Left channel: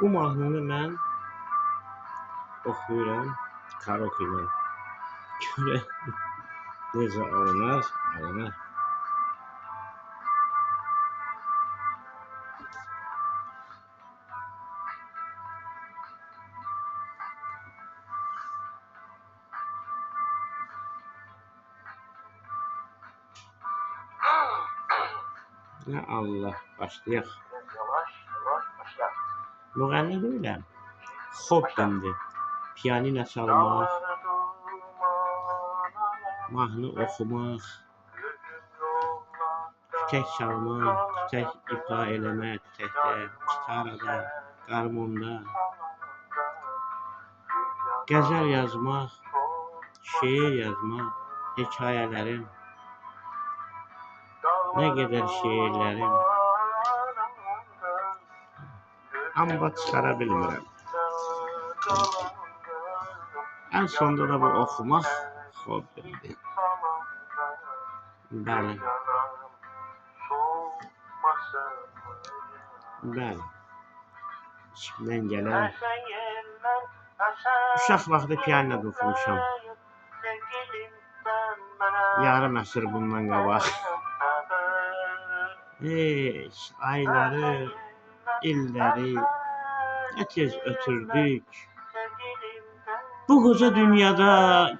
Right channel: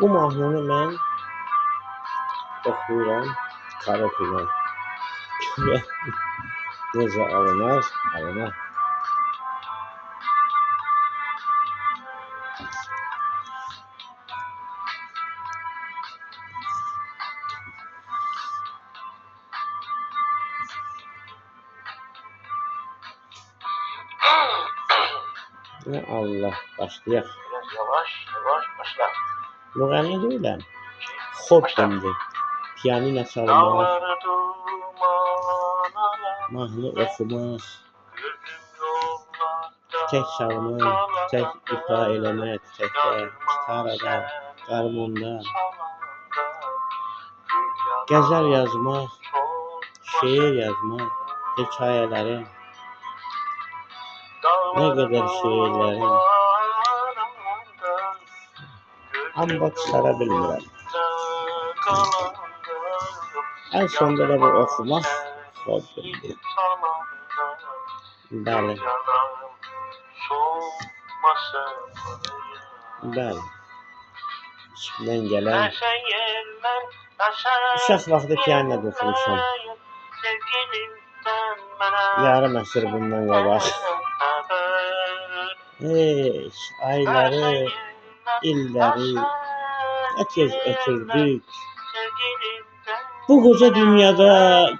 Bu mahnını mən oxuyuram karaoke ilə. Görək necə alınır. Ya Allah, başlayaq. Biraz yavaş başla. Müğənni deyiləm. Hobbimdir. Pianino çalmaq, mahnı oxumaq, tək çalmaq, tək ifa eləmək, təkdə, gitarada, qarmonda, qəzəl yazmaq, şeir yazmaq, hekayələrim, nə qədər şeirlərim, amma çıxara bilmirəm. Ən sonunda da bu oxumaq hobbimdir. Bəli. Bəli. İçimdən gələn uşaq vaxtı pianoda oxumuşam. Yarım əsr bundan qabaq. Ayları, illəri nə tez ötürdük. Bu qoca dünyada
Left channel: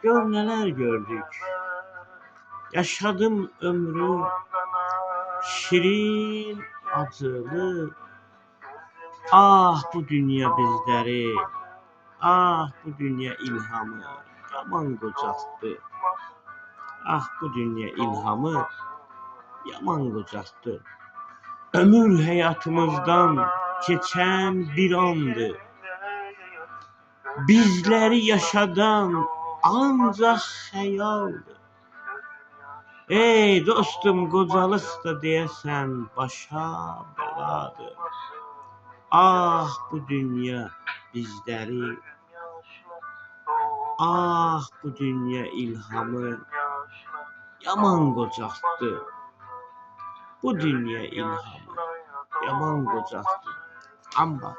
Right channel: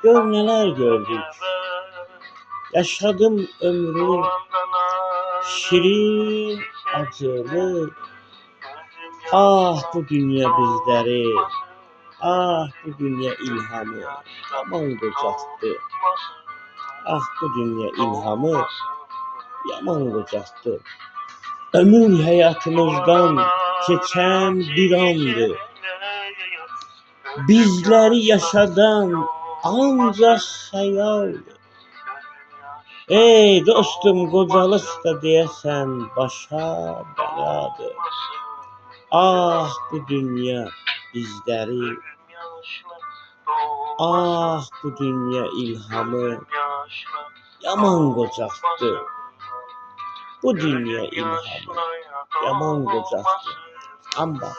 gör nələr gördük. Yaşadım ömrü şirin, acılı. Ah bu dünya bizləri, ah bu dünya ilhamı yaman qocaltdı. Ah bu dünya ilhamı yaman qocaltdı. Ömür həyatımızdan keçən bir andı. Bizləri yaşadan ancaq xəyaldır. Ey dostum, qocalıq da deyəsən başa bəladır. Ah bu dünya bizləri, ah bu dünya ilhamı yaman qocaltdı. Bu dünya ilhamı yaman qocaltdı. Amma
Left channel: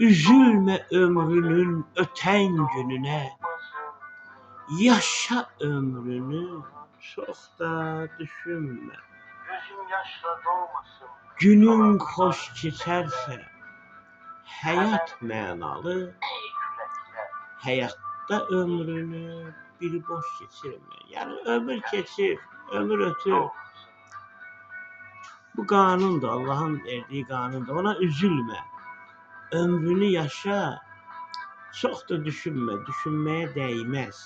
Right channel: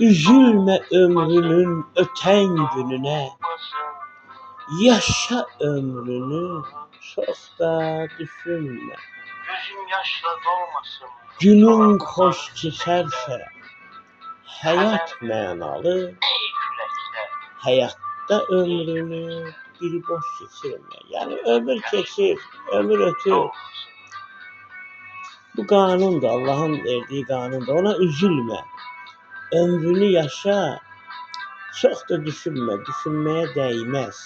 üzülmə ömrünün ötən gününə, yaşa ömrünü çox da düşünmə. Günün xoş keçərsə, həyat mənalı, həyatda ömrünü bir boş keçirmə. Yəni ömür keçir, ömür ötür. Bu qanundur, Allahın verdiyi qanundur. Ona üzülmə. Ömrünü yaşa, çox da düşünmə. Düşünməyə dəyməz.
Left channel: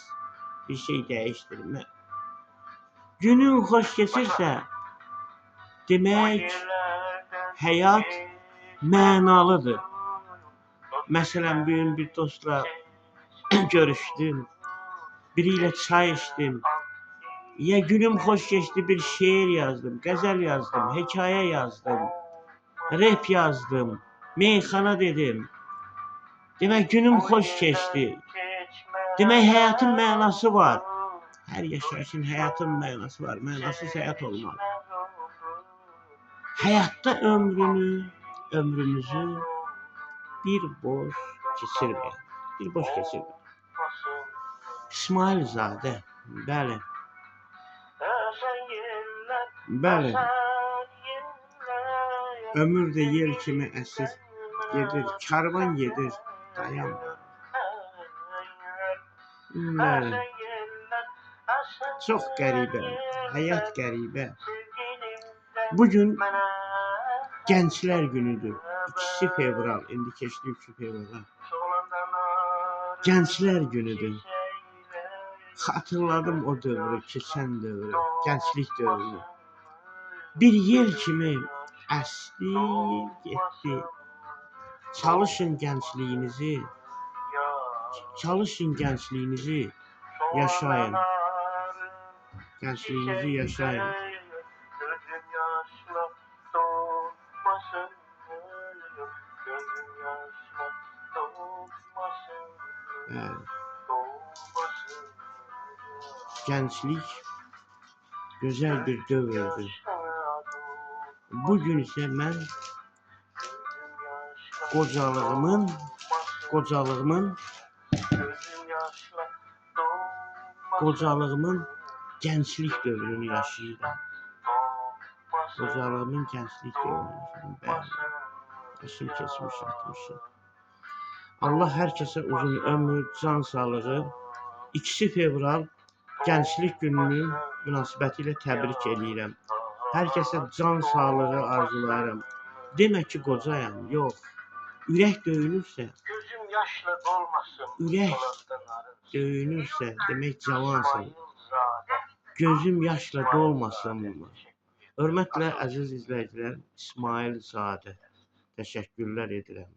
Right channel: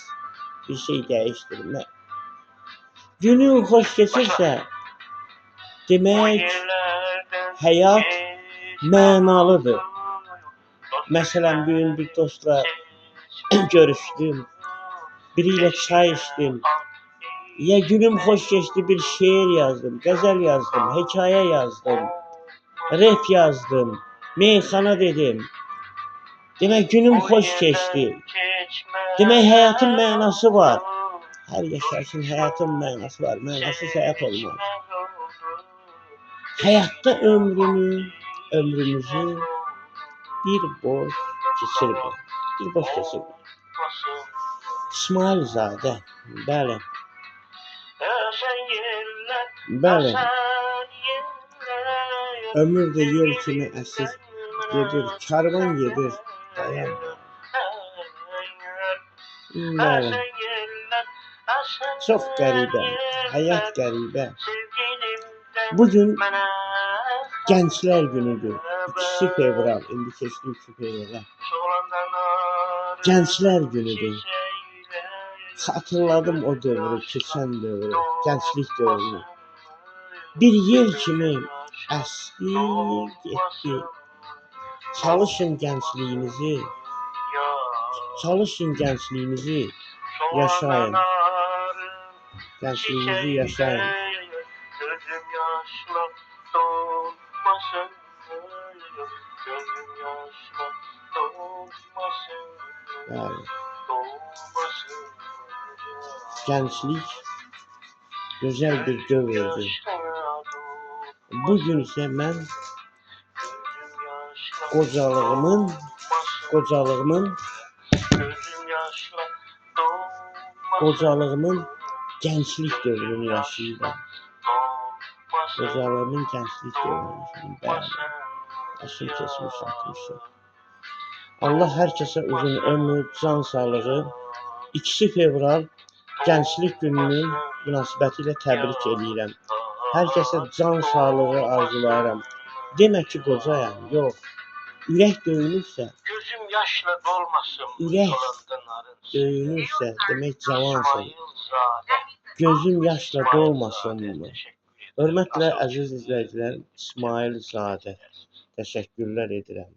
Bir şey dəyişdirmə. Günün xoş keçirsə, demək həyat mənalıdır. Məsələn, bir gün bir dostla görüşdüm. Biri ilə çay içdim. Ya günüm xoş keçdi, bir şeir yazdım, qəzəl yazdım, hekayə yazdım, rap yazdım, meyxana dedim. Demək günüm xoş keçdi. Demək həyatın mənası var. Hər yaşayışın həyatın mənası var. Mənasız həyat olmaz. Həyatda ömrümüzü bir boş keçirməyin. Bir boş keçirməyin. İsmailzadə, bəli. Bəli. Ömür də yel kimi əsir gedir, karvan gedir, dayanma. Bəli. Çox qəribə, həyat qəribə. Bugün Gənclər günüdür. 2 fevral, indi keçdi 3 fevral. Gənclər günüdür. Xatırladım o dövrü, keçən dövrü, gənclik dövrünü. Bir yel kimi əsdi, getdi. Çalışın gəncliyinizi yaşayın. Gəncliyinizi yaşayın. Bəli. Gənclik gözəl bir dövrdür. Bugün isə mən qocalığımın Gözüm yaşla dolmasın. qocalığımın gənclik dövrünü yaşayıram. Dolmasın. Qocalığımın gənclik dövrünü yaşayıram. Bəli. Yaşım keçmiş 60'ı. Allah hər kəsə uzun ömür, can sağlığı. 2 fevral Gənclik Gününün münasibətilə təbrik edirəm. Hər kəsə can sağlığı arzulayıram. Demək ki, qocayam, yox. Ürək döyünürsə, Gözüm yaşla dolmasın. Ürək Yalandan arınsın. döyünürsə, demək cavansan. İsmailzadə. Gözüm yaşla dolmasın mı? Teşekkür ederim. Hörmətlə əziz izləyicilər, İsmailzadə. Təşəkkürlər edirəm.